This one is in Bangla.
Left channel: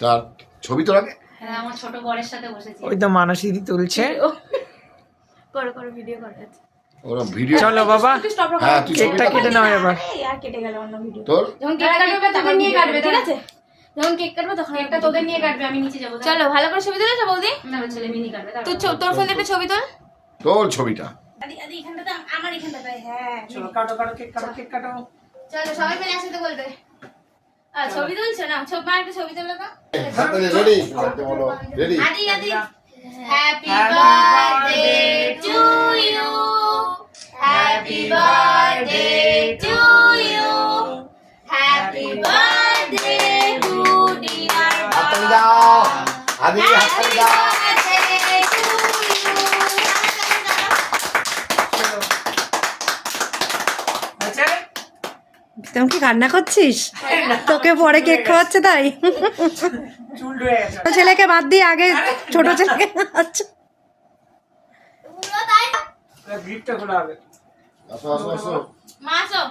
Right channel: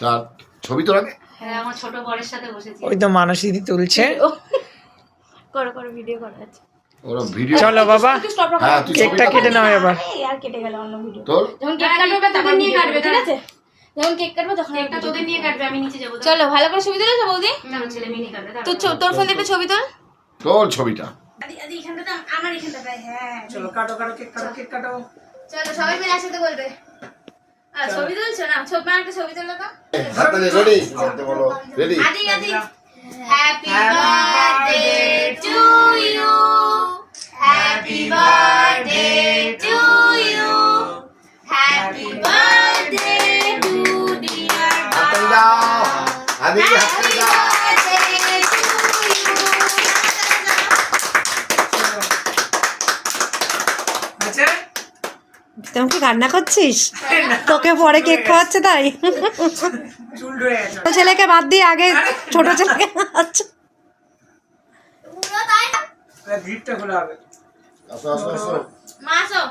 তার ছবি তো লাগে। হ্যাঁ আমার ছোট বরের সাথে বসেছি। ওই তো মানসী দি তুলছে। করো করো ভিডিও করো। আচ্ছা ওরা ভিডিও। চলো বাবা হ্যাঁ তুই কেকটা কেটে নাও এবার। আর কেটে গেল অন্য ভিডিও। তোর যখন কেক কাটবে ওটা তোদের নিয়ে কাটবে, ঠিক আছে? যখন কেক কাটবে তখন একটা তোদের নিয়ে কাটবে, আমি নিচে যাবো। চলো ভালো করে ছবি তুলেছো বৌদি? না আমার ছেলে মিনি কাটবে। তো তোর ফোন একটা ছবি তোল। তোর ছবিটা আদি আদি এখানটা আমার এখানটা তাই। হ্যাঁ চলো কাটো কাটো কেক কাটো কেক কাটো। চলো সবাই মিলে একসাথে বলবে। আর ছবি তুলছো না? ছবি মানে একটা ছবি তোলো তো। হাতে রেডি করতে বলো। Ready Adi Adi happy birthday to you, happy birthday to you, happy birthday to dear হাতে দাও আদি হাতে দাও। তুমি কি কান্না করছিস? তোকে পরে কেক খাওয়াচ্ছে তাই? চুল রয়ে গেছে। ছোট ছেলেকে বাদ দিয়ে আগে ছোট ছেলেকে খাওয়াচ্ছে। গ্রিপটা খোলা হবে। আসো আসো আসো। মা আসো।